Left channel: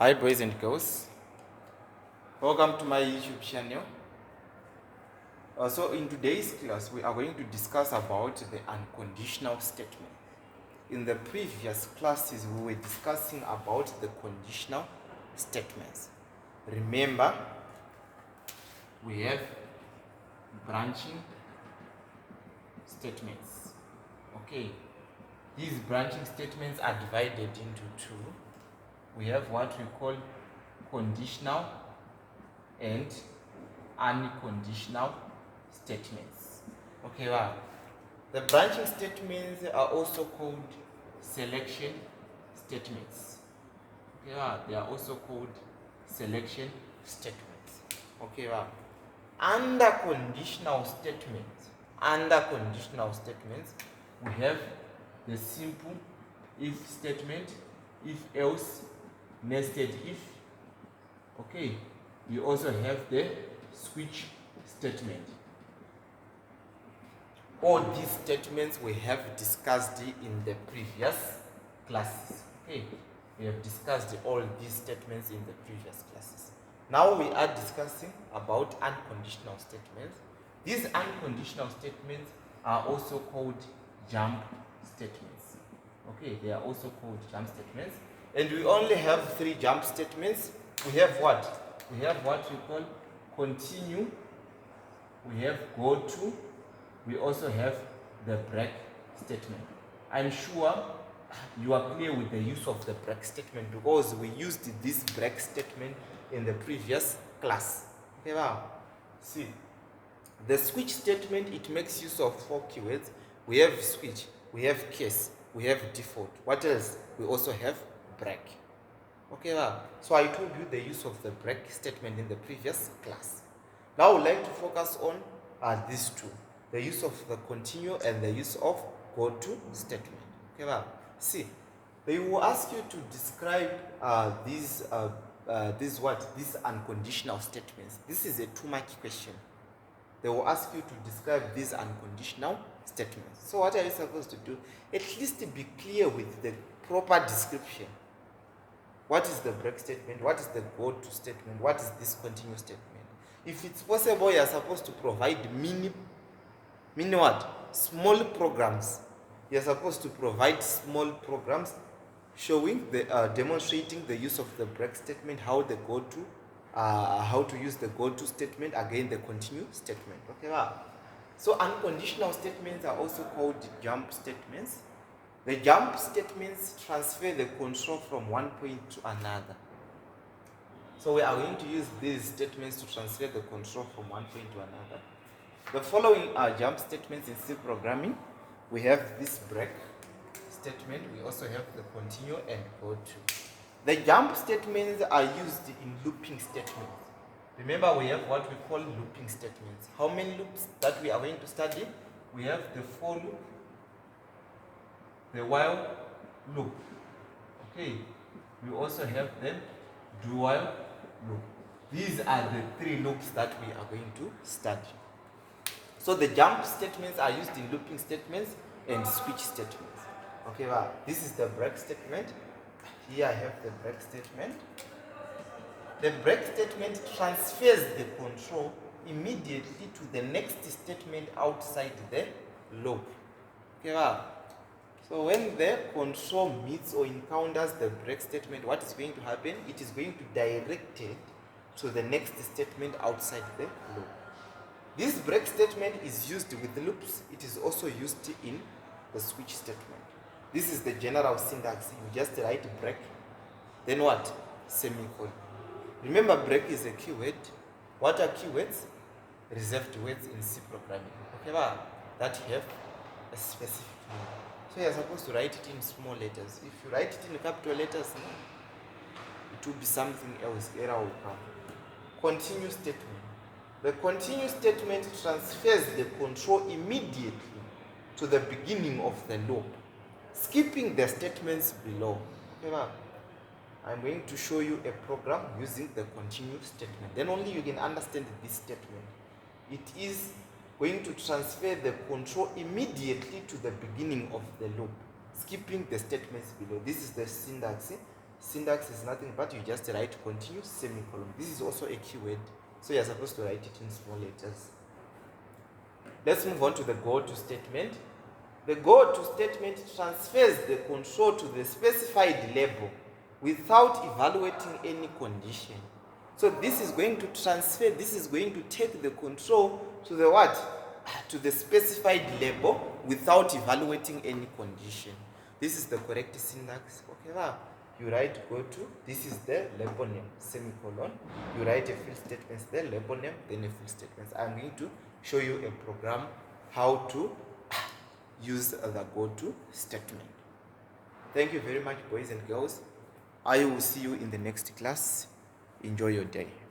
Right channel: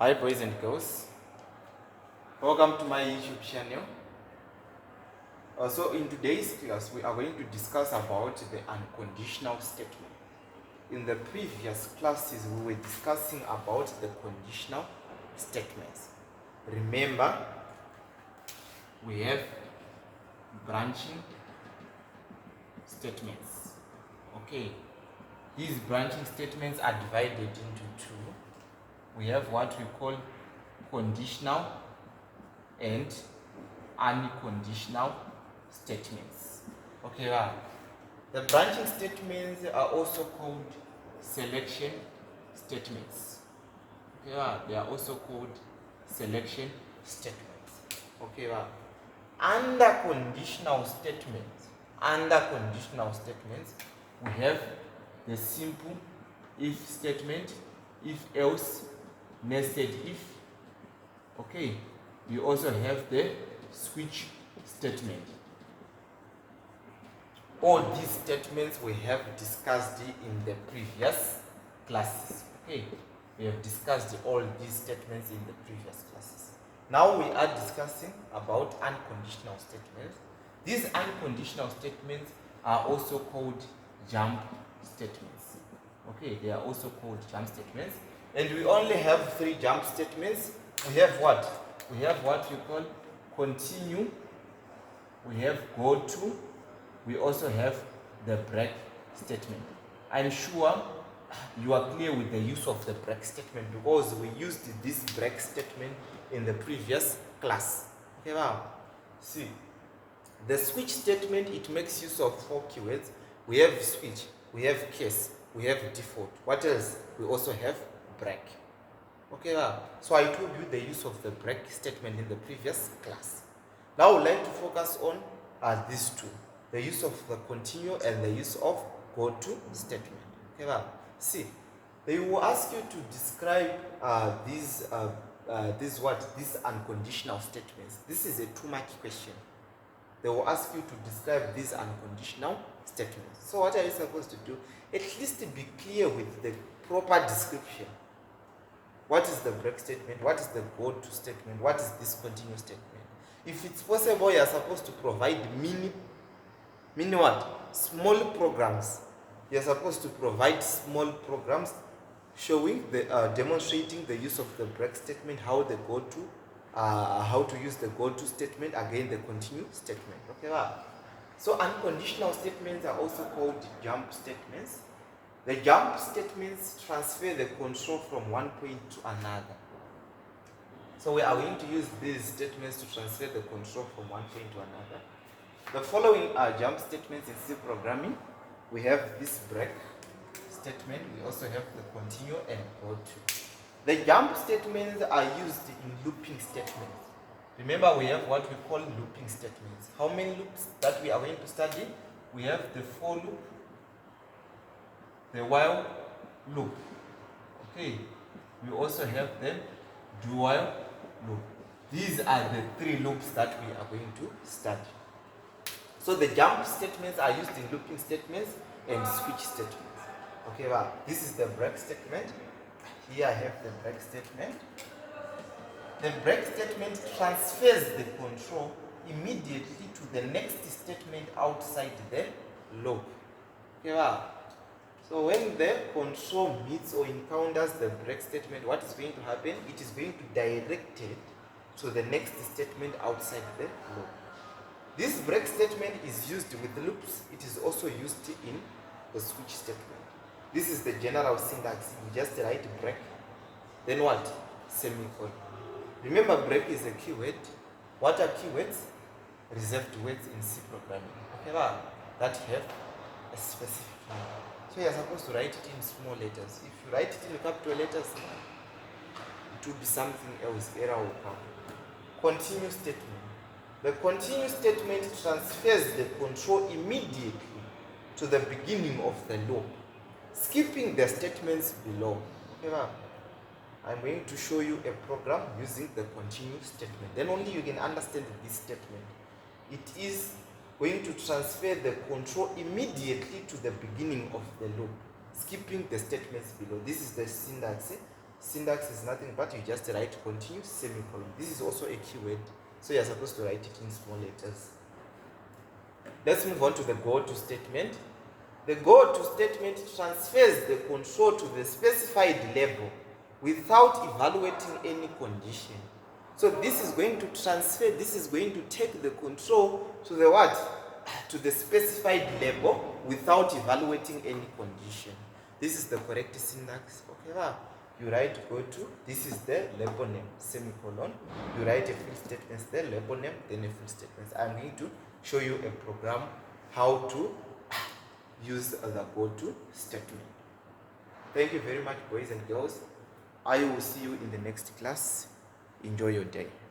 Hi boys and girls, welcome to my YouTube channel. So in today's class we are going to discuss about the unconditional statement. In the previous classes we were discussing about the conditional statements. Remember, we have branching statements. Okay, these branching statements are divided into two. We have what we call conditional and unconditional statements. Okay, the branching statements are also called selection statements. Okay, they are also called selection statements. Okay, under conditional statements, we have the simple if statement, if else, nested if. Okay, we also have the switch statement. All these statements we have discussed in the previous classes. Okay, we have discussed all these statements in the previous classes. Now we are discussing about unconditional statements. These unconditional statements are also called jump statements. Okay, they are also called jump statements. And we only have three jump statements. We have what? We have what we call continue. We have go to. We also have the break statement. I'm sure you are clear with the use of the break statement because we used this break statement in the previous class. Okay, now, see, the switch statement, it makes use of four keywords. We have switch, we have case, we have default. What else? We also have break. Okay, so I told you the use of the break statement in the previous class. Now I would like to focus on these two, the use of the continue and the use of go to statement. Okay, see, they will ask you to describe these unconditional statements. This is a 2-mark question. They will ask you to describe these unconditional statements. So what are you supposed to do? At least be clear with the proper description. What is the break statement? What is the go to statement? What is this continue statement? If it's possible, you are supposed to provide small programs. You are supposed to provide small programs showing demonstrating the use of the break statement, how to use the go to statement, again the continue statement. Okay, so unconditional statements are also called jump statements. The jump statements transfer the control from one point to another. So we are going to use these statements to transfer the control from one point to another. The following are jump statements in C programming. We have this break statement. We also have the continue and go to. The jump statements are used in looping statements. Remember, we have what we call looping statements. How many loops that we are going to study? We have the for loop, the while loop. Okay, we also have the do while loop. These are the three loops that we are going to study. So the jump statements are used in looping statements and switch statements. Okay, this is the break statement. Here I have the break statement. The break statement transfers the control immediately to the next statement outside the loop. Okay, so when the control meets or encounters the break statement, what is going to happen? It is going to direct it to the next statement outside the loop. This break statement is used with loops. It is also used in the switch statement. This is the general syntax. You just write break, then what? Semicolon. Remember, break is a keyword. What are keywords? Reserved words in C programming. Okay, that have a specific meaning. So you're supposed to write it in small letters. If you write it in capital letters, it will be something else. Error will come. Continue statement. The continue statement transfers the control immediately to the beginning of the loop, skipping the statements below. Okay, I'm going to show you a program using the continue statement. Then only you can understand this statement. It is going to transfer the control immediately to the beginning of the loop, skipping the statements below. This is the syntax. Syntax is nothing but you just write continue semicolon. This is also a keyword, so you're supposed to write it in small letters. Let's move on to the go to statement. The go to statement transfers the control to the specified label without evaluating any condition. So this is going to transfer, this is going to take the control to the what? To the specified label without evaluating any condition. This is the correct syntax. Okay, now you write go to, this is the label name, semicolon. You write a field statement there, label name, then a field statement. I'm going to show you a program how to use the go to statement. Thank you very much, boys and girls. I will see you in the next class. Enjoy your day.